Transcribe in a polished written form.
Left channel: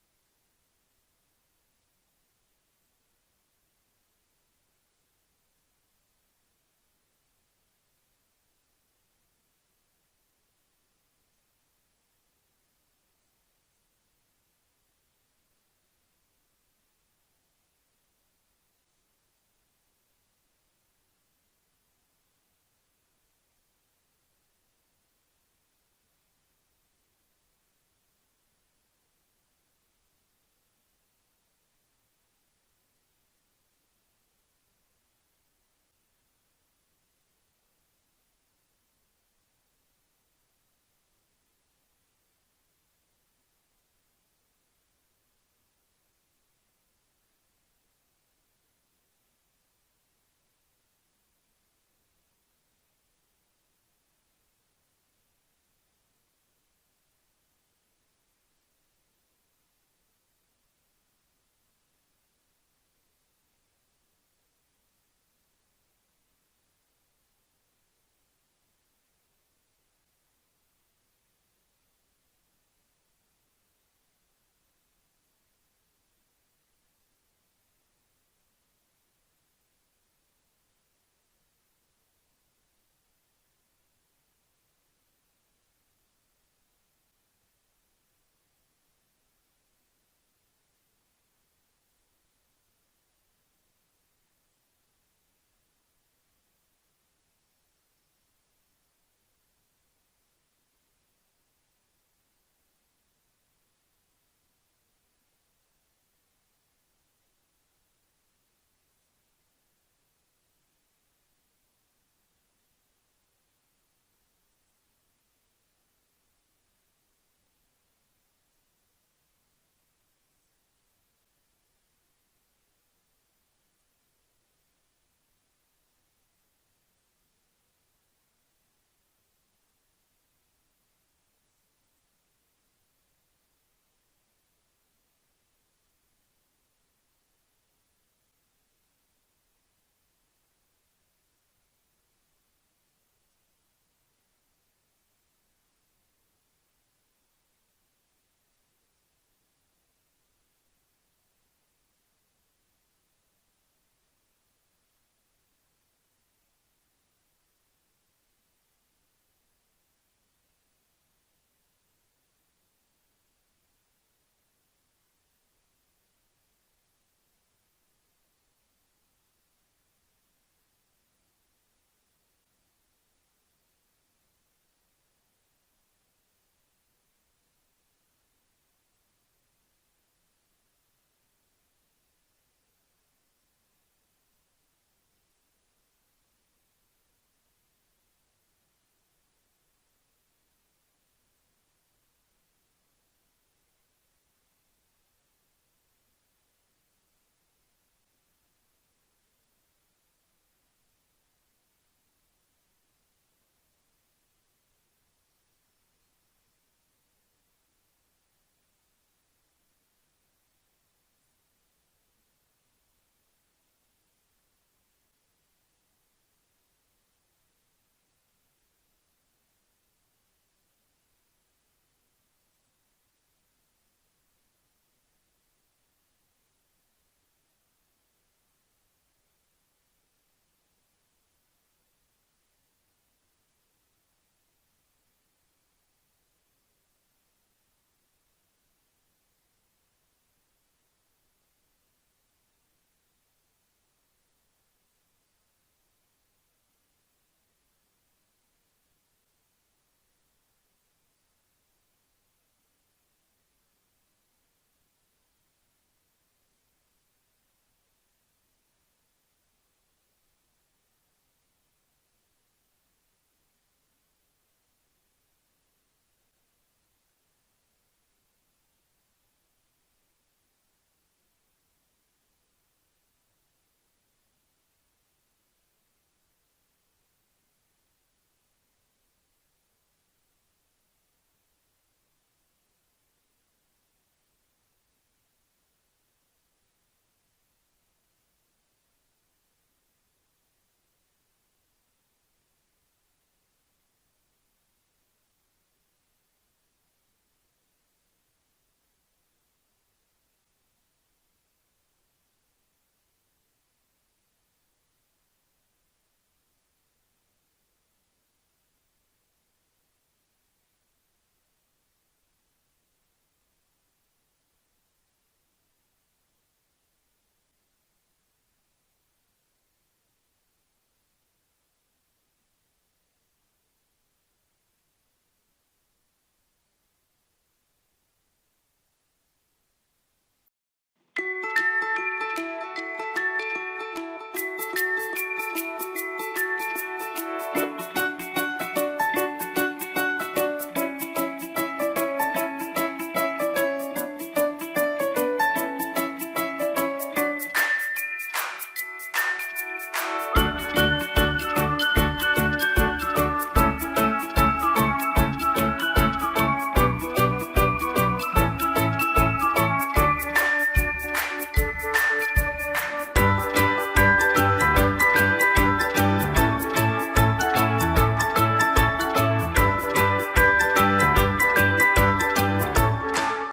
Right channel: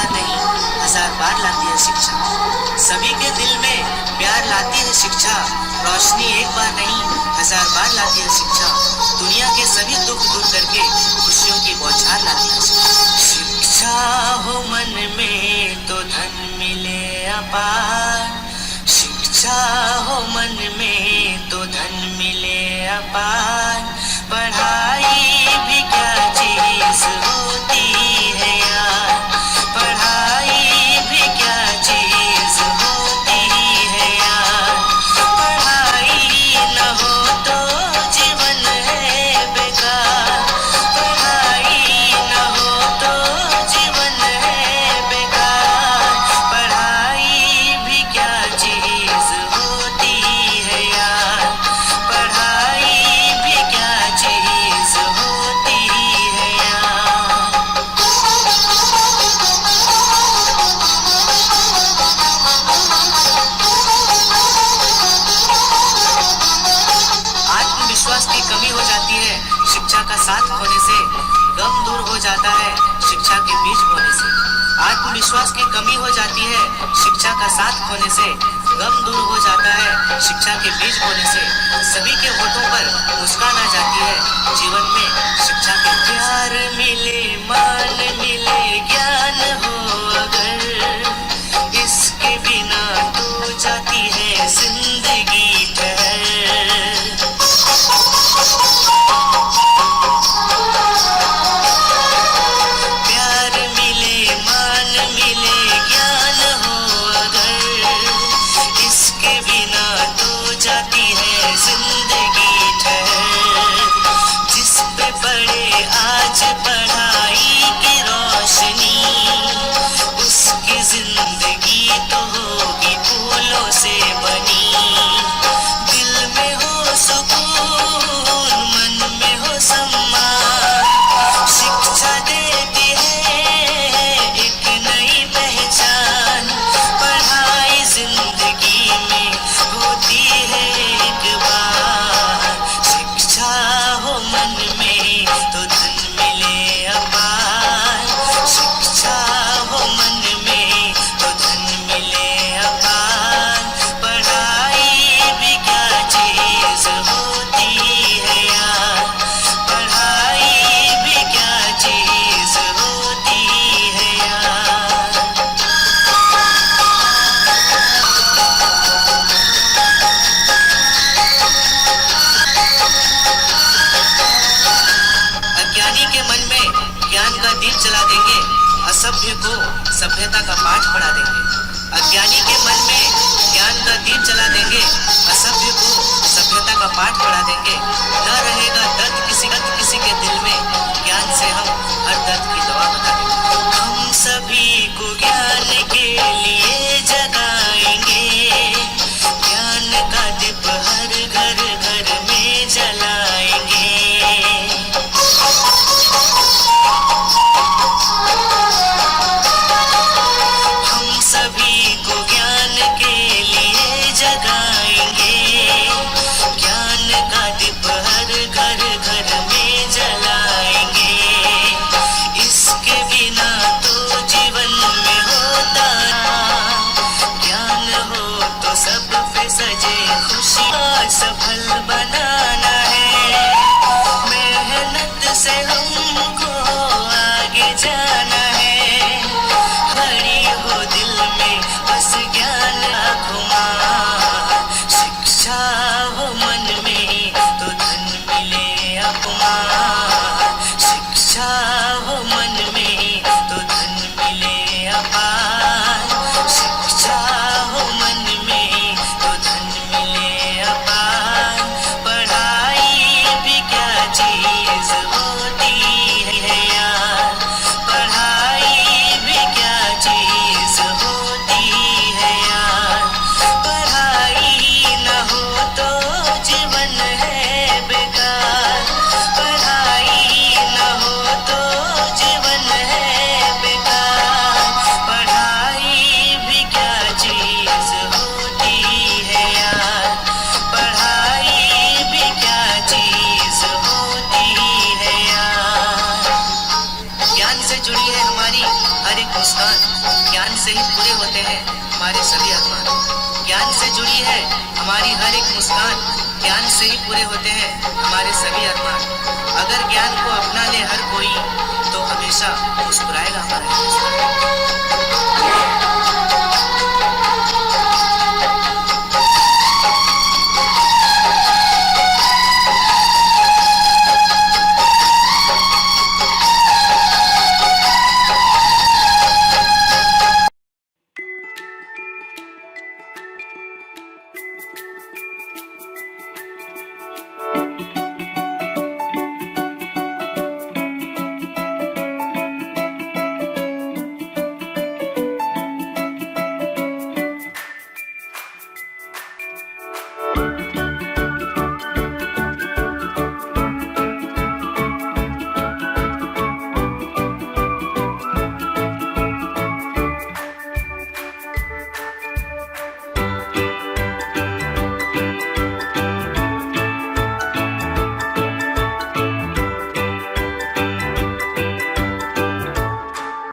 बार नहीं, हजार बार लाती है शिक्षा। सभी के दिल में प्यार लाती है शिक्षा, रोशनी एक बार नहीं, हजार बार लाती है शिक्षा। दुनिया के सभी दुख दूर करके खुशियों की बौछार लाती है शिक्षा। शिक्षा हो मन में तो धन मिले अपार, शिक्षा हो मन में तो धन मिले अपार। पढ़ाई भी क्या चीज होती है यार, पढ़ाई भी क्या चीज होती है यार। पढ़ाई न हो तो जीवन है बेकार, पढ़ाई न हो तो जीवन है बेकार। पढ़ाई भी क्या चीज होती है यार, पढ़ाई भी क्या चीज होती है यार। आत्मविश्वास की कमी हो जाती है शिक्षा का साथ खोने से, गम दूर हो जाता है शिक्षा के बीच बोने से। आत्मविश्वास की कमी हो जाती है शिक्षा का साथ खोने से, गम दूर हो जाता है शिक्षा के बीज बोने से। सभी के होठों पर मुस्कान आ जाती है जीवन में शिक्षा के। प्यार मिले मान मिले ज्ञान हो अगर, इसके बिना तो जाती है जिंदगी ठहर। प्यार मिले मान मिले ज्ञान हो अगर, इसके बिना तो जाती है जिंदगी ठहर। जिस पे पड़े आज पढ़ाई की रोशनी, उसकी जिंदगी तो होगी फूलों से बनी। दिल में हो सुकून मन में हो सम्मान, शिक्षा देती है एक नई पहचान। पढ़ाई जिंदगी में होती है एक बार, शिक्षा हो मन में तो धन मिले अपार। शिक्षा हो मन में तो धन मिले अपार। पढ़ाई भी क्या चीज होती है यार, पढ़ाई भी क्या चीज होती है यार। अज्ञानी के मन में ज्ञान का दीप जला देंगे, असभ्य को सभ्यता का पाठ पढ़ा देंगे। अज्ञानी के मन में ज्ञान का दीप जला देंगे, असभ्य को सभ्यता का पाठ पढ़ा देंगे। न रहेगा दर्द किसी के दिल में, ज्ञान से हम हर दर्द की दवा बता देंगे। हम सभी को ज्ञान के लिए जगाएंगे, ज्ञान का दीप हर घर घर में जलाएंगे। हम सभी को ज्ञान के लिए जगाएंगे, ज्ञान का दीप से ही पूरे होते हैं हमारे सभी अरमान। ज्ञान से जुड़ी है हमारी हर एक मुस्कान, ज्ञान से ही पूरे होते हैं हमारे सभी अरमान। अगर ज्ञान को अपना ले हर कोई तो हमेशा मुस्कुराएगा हमारा हिंदुस्तान।